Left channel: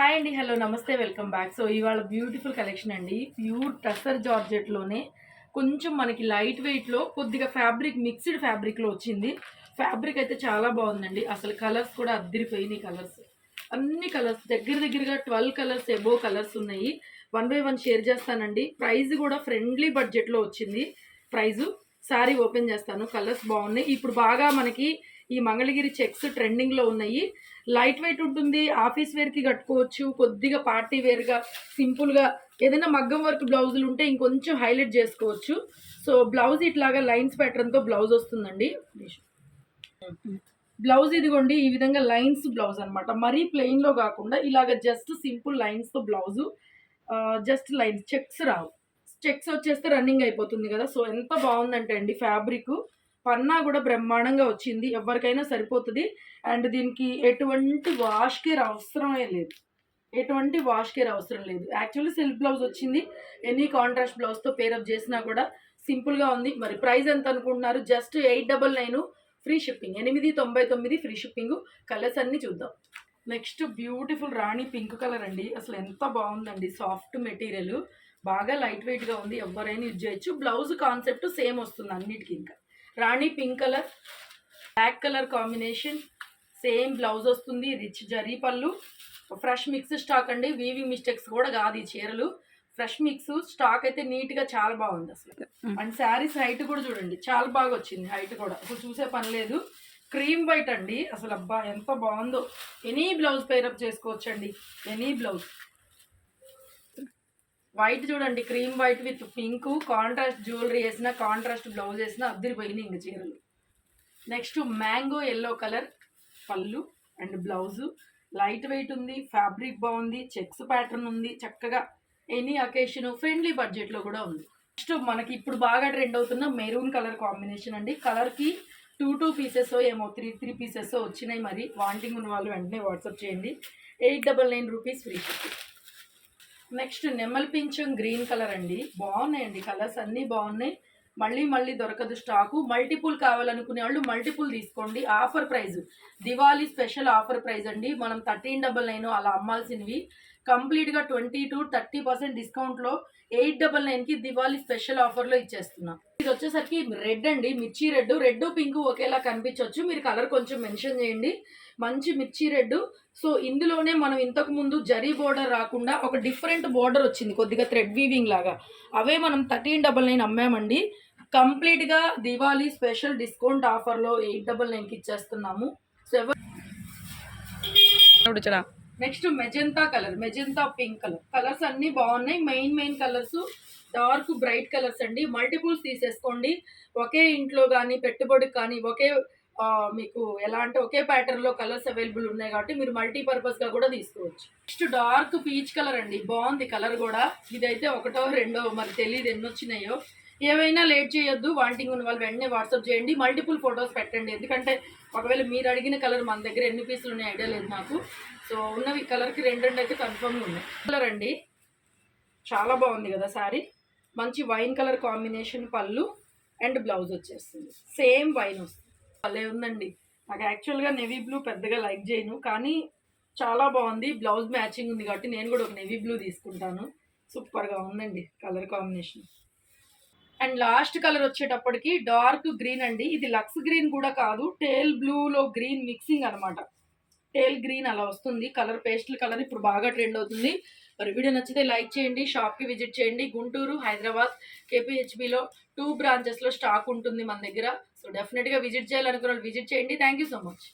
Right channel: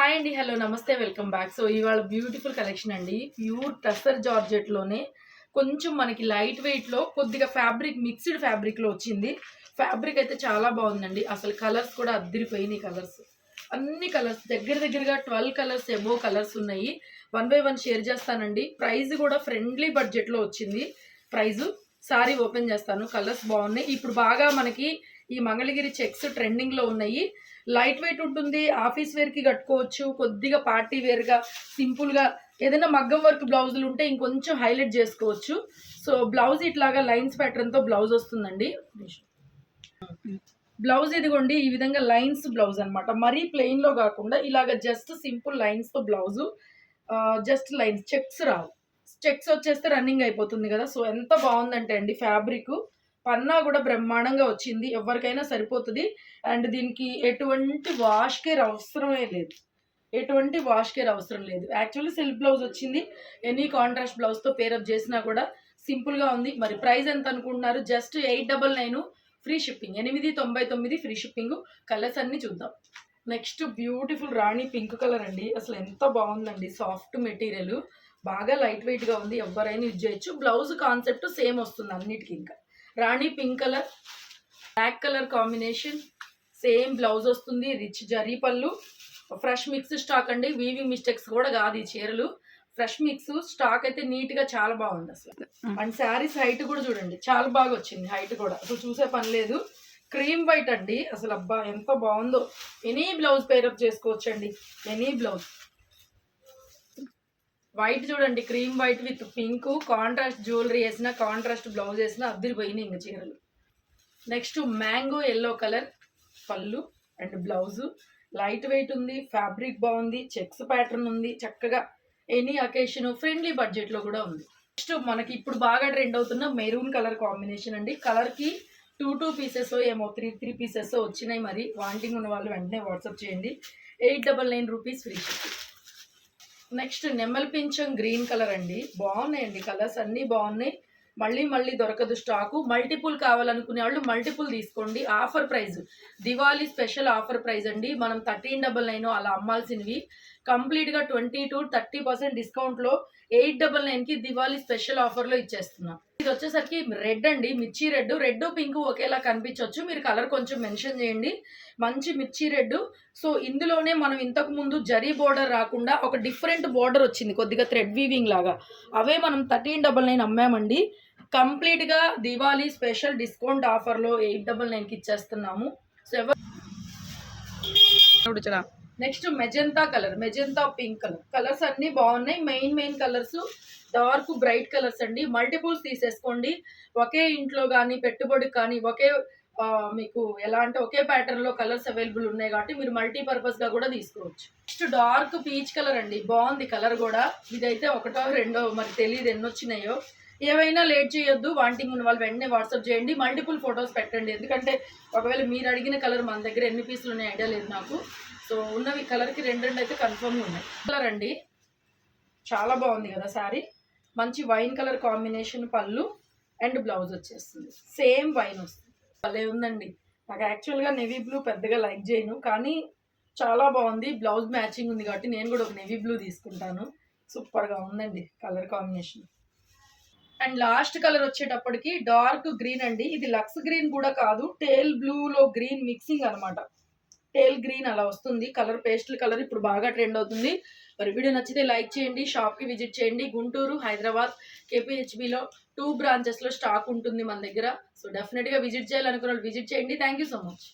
Hi అండి hello నమస్తే welcome back. So ఇవాళ బ్యూటిఫుల్ కలెక్షన్ అండి. ప్యూర్ టస్సర్ జార్జెట్లోనే కొంచెం మనకి లైట్ వెయిట్లో కొద్దిగా ఫ్యాబ్రిక్ మిక్స్డ్ ఫ్యాబ్రిక్లో వచ్చింది. ఫ్యాబ్రిక్ అయితే చాలా బాగుందండి. అసలు కలర్స్ కూడా అద్దరిపోయినాయి కలర్స్. అన్ని కలర్స్ దగ్గర దగ్గరగా ట్వెల్వ్ కలర్స్ ఎబో కలర్స్ ఉన్నాయి. వన్ బై వన్ షేర్ చేస్తానండి. ప్రైజ్ కూడా ఫ్రెండ్లీ బడ్జెట్లో వచ్చింది. ప్రైజు సారీ ఓపెన్ చేస్తాను కలర్స్ బాగున్నాయి. ఇప్పుడు బాగా మనకి ఈ మంగళగిరి చెక్స్ ట్రెండింగ్లో ఉన్నాయి. లైట్ వెయిట్ ఉంటుంది ఆఫీస్ వేర్కి కట్టుకోవచ్చు కొద్దిగా పార్టీ వేర్గా సింపుల్గా ఏదైనా మగ్గం వర్క్ బ్లౌజులు ఉంటే ఇంకొంచెం హైలైట్ చేసుకోవచ్చు. సో బ్లౌజ్ ఇట్లాగా లైన్స్ ప్యాటర్న్తో బ్లౌజ్ వస్తుందండి. బ్లౌజ్ ఇదిగోండి ఈ విధంగా లైన్స్ బ్లౌజ్ అనమాట మరీ ప్లెయిన్లో కాకుండా ఇలాగ జస్ట్ సింపుల్ లైన్స్తో బ్లౌజు జస్ట్ లైన్స్ చెక్స్ రావు. చెక్స్ వచ్చేస్తే రన్నింగ్ అయిపోతుంది కదా. సో ఎంత బాగుందంటే అండి ఫ్యాబ్రిక్. పన్నా కూడా బ్రహ్మాండంగా వచ్చింది. ఎవరికైనా సరిపోతుంది. అండ్ దీనికి ఎటువంటి వాష్ కేర్ అవసరమే లేదు. ఎటువంటి వాష్ కేర్ అవసరం లేదు. యాక్చువల్లీ సిల్క్ బ్లౌజ్ వచ్చింది. ఎనీ కాంట్రాస్ట్ బ్లౌజ్తో పేరప్ చేసినా కూడా సింపుల్గా ఉంది. మరి ప్రైస్ ఎంత అనుకుంటున్నారు? Just eight double nine free shipping. ఎనిమిది తొంభై తొమ్మిది ఫ్రీ షిప్పింగ్. కలర్స్ అన్నీ చూద్దాం. Next beautiful rani pink colour అండి. అసలు ఎంత బాగుందండి. Soft material. బాగా లైట్ వెయిట్గా ఉంది ఎవరైనా యూజ్ చేయొచ్చు. బ్లౌజ్ కాన్సెప్ట్ సేమ్ వస్తుంది అన్నిటికీ ఇంకా. Rani pink colour black colour combination same blouse వస్తుంది రిచ్ జరీ పళ్ళు. ఫ్రెష్ మిక్స్ స్టాక్ అండి వీవింగ్ మిస్టేక్స్ కూడా కాదు ఈ చీరలు. ఫ్రెష్ మిక్స్ స్టాక్ అయితే నీట్గా చాలా బాగుంది అసలు. అండ్ శారీస్ హైట్ కూడా చూడండి చాలా బాగా వచ్చింది హైట్ కూడా. అసలు చూసే పని లేదు. క్రీమ్ వైట్ అండి అసలు అబ్బా ఎంత బాగుందో. ఎనీ బ్లౌజ్ పేరప్ చేసుకోవచ్చు అండి ఎనీ బ్లౌజ్. వైట్ చూడండి cream white with pink contrast jewellery వేసిన కాంట్రాస్ట్ బ్లౌజ్ వేసిన అద్దరిపోయినాయి ఇంక చీరలు. నెక్స్ట్ మ్యాంగో ఎల్లో కలర్ పళ్ళు అండ్ బ్లౌజు లైట్ వెయిట్ ఉంది ఫ్యాబ్రిక్ బాగుంది చెక్స్ ప్యాటర్న్ ఉంది చక్కగా ఎనీ అకేషన్ ఫ్రెండ్లీ బడ్జెట్లో కూడా ఉంది. నెక్స్ట్ మనకి ఇప్పుడు బాగా ట్రెండ్ అవుతున్న మెరూన్ కలర్ కాంబినేషన్ అండి. కలర్కి టూ టూ పీసెస్ ఏమో త్రీ త్రీ పీసెస్ వచ్చినాయి మరి. వాంటింగ్ ఉన్న వాళ్ళు వెంటనే వాట్సాప్ చేయండి. Eight double nine rupees free shipping next నెమ్మల పింఛం గ్రీన్ కలర్ అండి. బాగున్నాయండి కలర్స్ అన్నీ బాగున్నాయి. మళ్ళీ మళ్ళీ దొరకదు స్టాకు. మల్టిపుల్ కావాలనుకునే వాళ్ళు మల్టిపుల్ తీసుకోండి. Offer price Diwali special offer price అండి. మనం థర్టీన్ డబల్ నైన్ అలా అమ్మాల్సినవి. కంప్లీట్గా ట్వంటీ టు థర్టీ పర్సెంట్ డిస్కౌంట్లో ఎయిట్ డబల్ నైన్కి దివాళీ స్పెషల్ ఆఫర్లో ఇచ్చేస్తున్నాం. ఇది వచ్చేసరికి రెడ్ అండి మిర్చి రెడ్. రెడ్ పింక్ ఒకేలా కనిపించవచ్చు మీరు కలర్ కొంచెం మెన్షన్ చేయండి. మంచి మిర్చి రెడ్. సో ఇందులోనే మనం ఇంతకు ముందు జరీ బోర్డర్ రాకుండా ఒక డిఫరెంట్ బోర్డర్ వచ్చింది కొద్దిగా థ్రెడ్ వీవింగ్ లాగా. అవే మనం థర్టీన్ డబల్ నైన్ అమ్మామండి. కంప్లీట్గా దివాళీ స్పెషల్ డిస్కౌంట్ ఆఫర్లో ఎయిట్ డబల్ నైన్కి ఇచ్చేస్తున్నాము. సో ఎవరు next magenta colour magenta pink colour. Colours అన్నీ బాగున్నాయి. Main main colours dark bright colours అండి. మల్టిపుల్స్ తీసేసుకోండి. ఒకే ఇంట్లో కానీ పెట్టుబడికి కానీ ఒకే మీకు ఎలా అంటే ఒకే ప్యాటర్న్లో కలర్స్ అవైలబుల్ ఉన్నాయి కాబట్టి మీరు మల్టీపర్పస్గా కూడా తీసుకోవచ్చు. నెక్స్ట్ డార్క్ పీచ్ కలర్ అండి. బాగుంది కలర్ కూడా. ఇదైతే ఒకటో రెండో మరి తెలియదు ఎన్నొచ్చినాయో. ఏవైనా లేట్ చేయొద్దు వాంటింగ్ ఉన్న వాళ్ళు వెంటనే వాట్సాప్ చేయండి మల్టిపుల్ ఫొటోస్ పెట్టండి. ఎందుకంటే ఒకవేళ మీరు అడిగిన కలర్ మన దగ్గర ఎన్ని పీసులు ఉన్నాయి ఐడియా లేదు నాకు. సో ఉన్నవి కలర్కి రెండు రెండు అయితే కన్ఫర్మ్ ఉన్నాయి. కలర్ అండి. చాలా బాగుంది కదా సారీ మంచి వైన్ కలర్ కాంబినేషన్ పళ్ళు అండ్ బ్లౌజ్ వచ్చేస్తుంది. సేమ్ వైన్ వస్తుంది. భలే ఉందండి. నాకు యాక్చువల్గా నెవీ బ్లూ పెద్దగా లైక్ చేయను కానీ చాలా బాగుంది. బ్లౌజ్ మ్యాచింగ్ ఉంది కాబట్టి నేను కూడా ఒక నెవీ బ్లూ తీసుకుంటాను. సూపర్గా ఉందండి colour combination and last colour వచ్చేటప్పటికి డార్క్ గ్రీన్ అండి. ఇది లక్స్ గ్రీన్ కూడా కాదు టేల్ బ్లూలో గ్రీన్ మిక్సింగ్ అన్నమాట. టేల్ గ్రీన్ అలా వస్తుంది. కలర్ పేస్టల్ కలర్ ఇప్పుడు బాగా ట్రెండ్ అవుతుంది. మరి వీడియో నచ్చితే లైక్ చేయండి షాప్కి విజిట్ చేయండి. గుంటూరు హైదరాబాద్ కేపీహెచ్బిలో టూ బ్రాంచెస్లో స్టాక్ ఉంటుంది మన దగ్గర. సో డెఫినెట్గా విజిట్ చేయాలనుకున్న వాళ్ళు విజిట్ చేయండి. Thank you so much.